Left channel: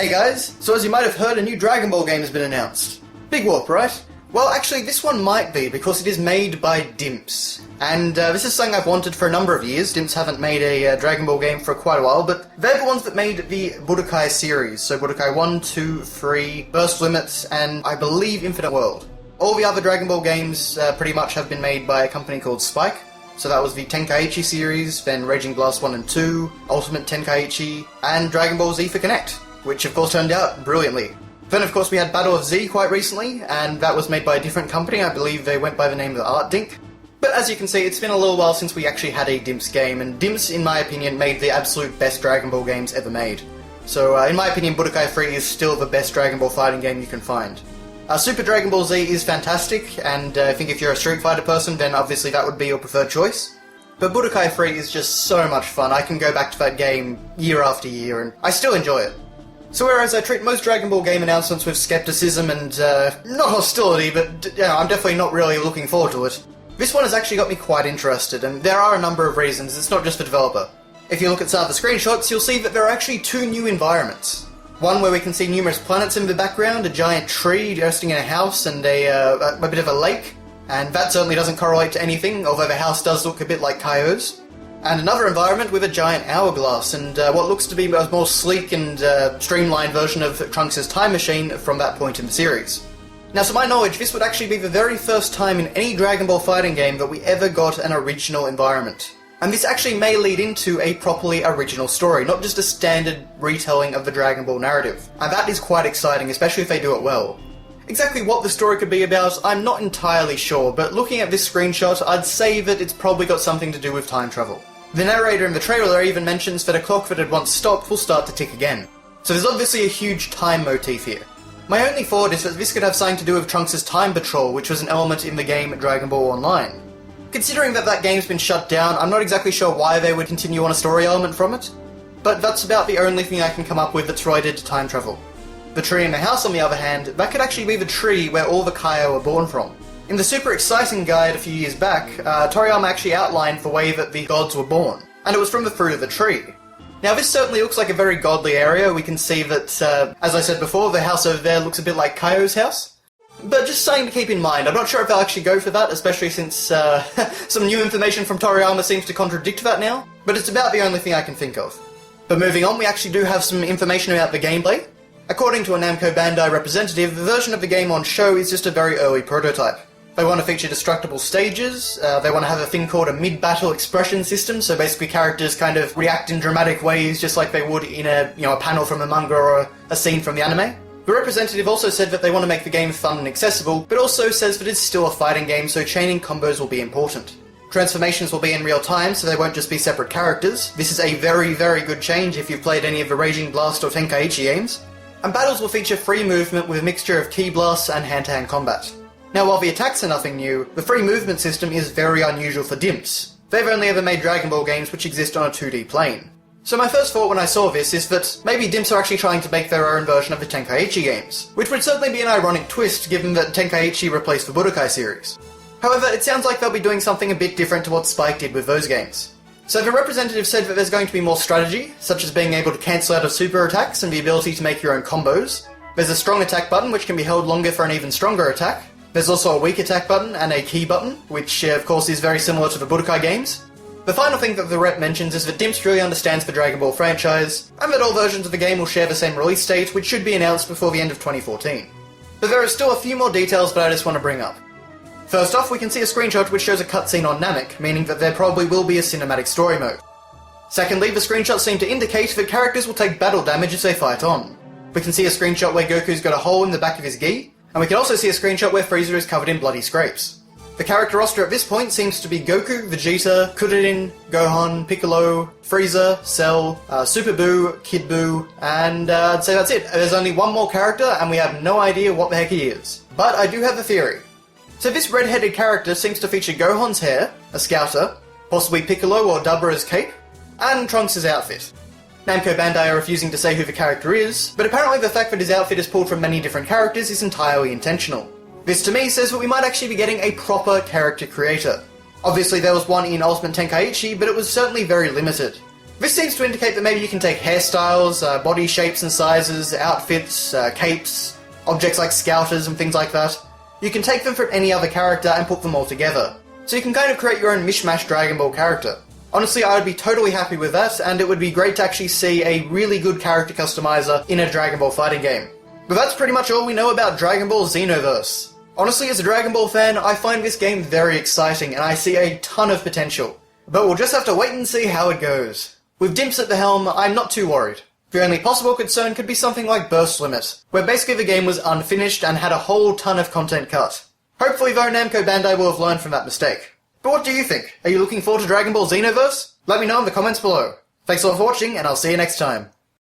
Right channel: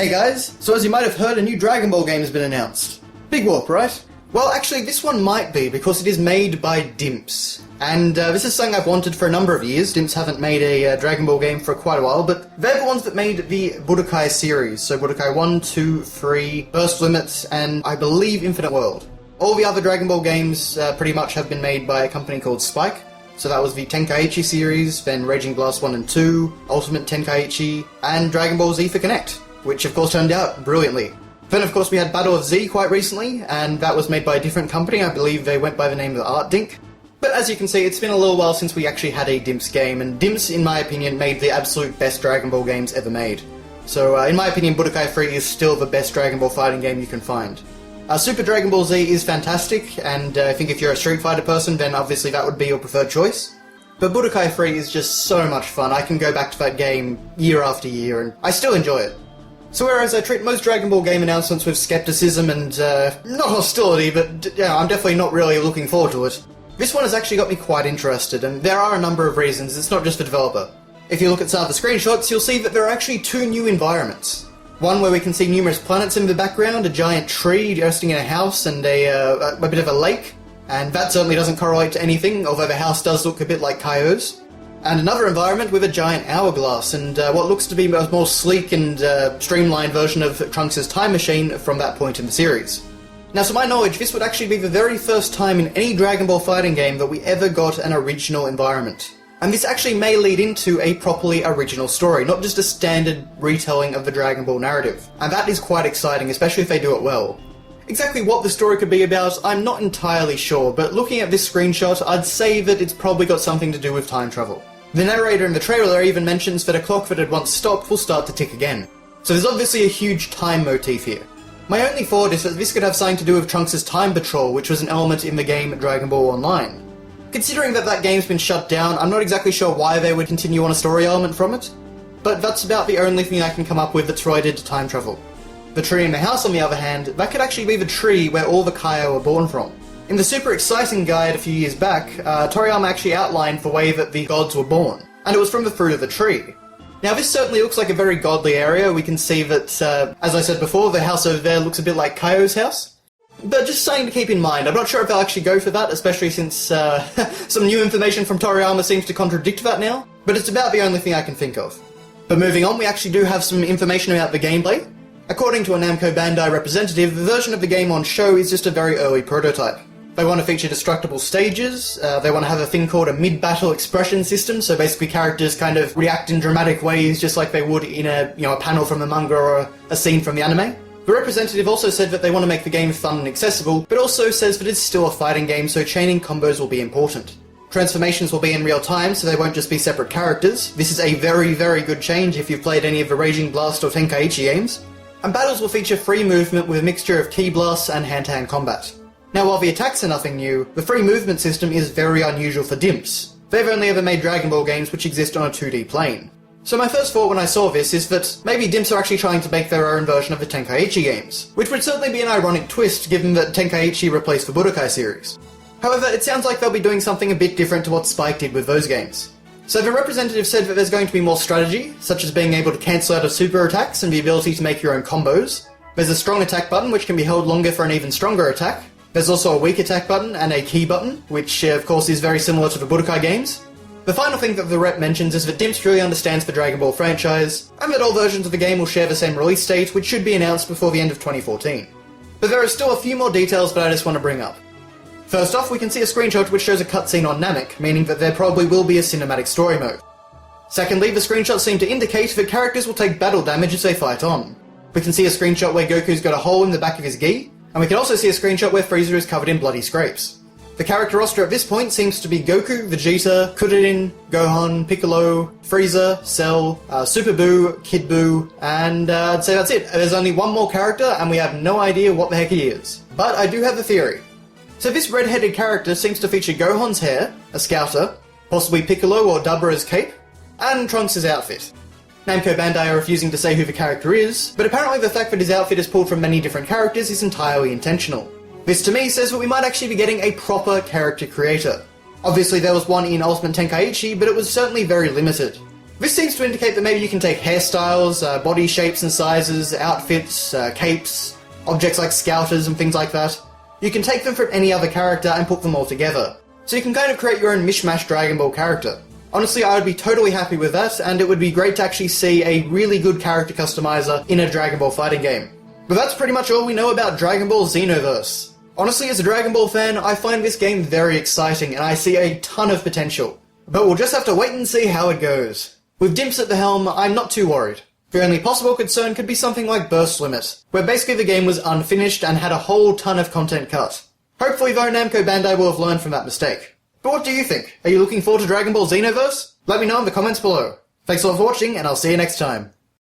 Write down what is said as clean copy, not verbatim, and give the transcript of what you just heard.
Hey guys, so as you might have heard, a new Dragon Ball game has been announced. Big whoop, right? Well, actually, this one might be, because it is made by Dimps. And this is something I've wanted for a number of years. Dimps haven't made a Dragon Ball game for quite a while, but they're the ones that made the Budokai series. So Budokai 1, 2, 3, Burst Limits, and I believe Infinite World. All the other Dragon Ball games pretty much have been made by a company called Spike. So that was the Tenkaichi series, then Raging Blast 1 and 2, Ultimate Tenkaichi, and Dragon Ball Z for Connect, which of course turned out brilliantly. Then of course we had Battle of Z quite recently, and that was made by a different company. I believe they went by the name of Art Dink. But as you can see, it's been a little while since we actually had a Dimps game, and Dimps, in my opinion, made the absolute best Dragon Ball games ever made. So in my opinion, Budokai 3 is still the best Dragon Ball fighting game you can find. Super Dragon Ball Z is fantastic, and I think if you're a Street Fighter person, then obviously that would be your preferred choice. But Budokai 3 is just so much fun. I can go back to that game year after year, and I still enjoy it. So whereas I treat most Dragon Ball game announcements with skepticism and, not hostility, but I'm definitely not really looking forward to it, this one has actually got me quite interested, and there are a number of reasons. It's not just the developer. If you look at some of the screenshots, you'll see that there are actually two new environments. One where we can see numerous planets in the background, a giant tree resting in a house, and a bit of a lake. And that certainly doesn't correlate to anything, although the house does look a bit like Kaio's. And another environment with a giant hourglass, and what looks to be a more sleek and streamlined version of Trunks' time machine from that point in the series. Now, to my knowledge, this would actually be the very first time in any Dragon Ball fighting game that we ever got an original environment. And this actually may lead into a properly original story, not just a standard retelling of the Dragon Ball narrative. And that is quite exciting, especially if they do it well. Exactly what the story could be about, I'm not entirely sure, but looking at this screenshot, I'd say that it's probably got something to do with time travel. The narrator in the trailer even mentions that a clock that had once stopped will start to tick again. So there's obviously a huge time motif here. My only thought is that this could have something to do with Trunks' time patrol, which was an element in the game Dragon Ball Online. Considering that that game's been shut down, I'm not exactly sure why they would continue on a story element from it, but that's about the only thing I can come up with that's related to time travel. The tree in the house, on the other hand, that could actually be the tree where all the Kaio were born from. In the super exciting guide a few years back, Toriyama actually outlined the way that the gods were born, and it was from the fruit of the tree. Now this certainly looks like a very godly area. We can see that, as I said before, the house over there looks a bit like Kaio's house. But just something to keep in mind, I'm not sure if they'll actually go for that, especially since some new information from Toriyama seems to contradict that now, but it's about the only thing I can think of. But moving on, we actually do have some information about the gameplay. According to a Namco Bandai representative, the version of the game on show is just a very early prototype. They want to feature destructible stages, they want to have a thing called a mid-battle expression system, so basically characters kind of react in dramatic ways just like they would in a panel from a manga or a scene from the anime. The representative also said that they want to make the game fun and accessible, but also says that it's still a fighting game, so chaining combos will be important. Transformations will be in real time, so they won't just be separate characters. This is a very, very good change if you've played any of the Raging Blast or Tenkaichi games. And battles will feature free movement with a mixture of ki blasts and hand-to-hand combat. Now, while the attacks are nothing new, the free movement system is very unusual for Dimps. They've only ever made Dragon Ball games which exist on a 2D plane. So my first thought when I saw this is that maybe Dimps are actually trying to make their own version of the Tenkaichi games, which would certainly be an ironic twist given that Tenkaichi replaced the Budokai series. However, it sounds like they'll be doing something a bit different to what Spike did with those games. So the representative said that there's going to be more strategy, such as being able to cancel out of super attacks and the ability to make your own combos. There's a strong attack button which can be held longer for an even stronger attack. There's also a weak attack button and a key button, which of course is very similar to the Budokai games. The final thing that the rep mentions is that Dimps truly understands the Dragon Ball franchise, and that all versions of the game will share the same release date, which should be announced before the end of 2014. But there are still a few more details that I just want to bring up. First off, we can see a screenshot which shows a cutscene on Namek, meaning that there probably will be a cinematic story mode. Secondly, the screenshots seem to indicate that characters will take battle damage as they fight on. We can see a screenshot where Goku's got a hole in the back of his gi, and we can also see a screenshot where Frieza is covered in bloody scrapes. The character roster at this point seems to be Goku, Vegeta, Kuririn, Gohan, Piccolo, Frieza, Cell, Super Buu, Kid Buu, and I'd say that's it. There's only one more character, and we have no idea what the heck he is. But I do have a theory. So this red-headed character seems to feature Gohan's hair, a scouter, possibly Piccolo or Dabra's cape, and Trunks' outfit. Namco Bandai are refusing to say who the character is, but apparently the fact that his outfit is pulled from many different characters is entirely intentional. This to me says that we might actually be getting a proper character creator. Obviously there was one in Ultimate Tenkaichi, but it was certainly very limited. This seems to indicate that maybe you can take hairstyles, body shapes and sizes, outfits, capes, objects like scouters and things like that. You can take them from any other character and put them all together. So you can kind of create your own mishmash Dragon Ball character. Honestly, I would be totally happy with that, and it would be great to actually see a really good character customizer in a Dragon Ball fighting game. But that's pretty much all we know about Dragon Ball Xenoverse. Honestly, as a Dragon Ball fan, I find this game very exciting, and I see a ton of potential. But we'll just have to wait and see how it goes. With Dimps at the helm, I'm not too worried. The only possible concern could be something like Burst Limit, where basically the game was unfinished and had a whole ton of content cut. Hopefully though, Namco Bandai will have learned from that mistake. But what do you think? Are you looking forward to Dragon Ball Xenoverse? Let me know in the comments below. Thanks a lot for watching, and I'll see you next time.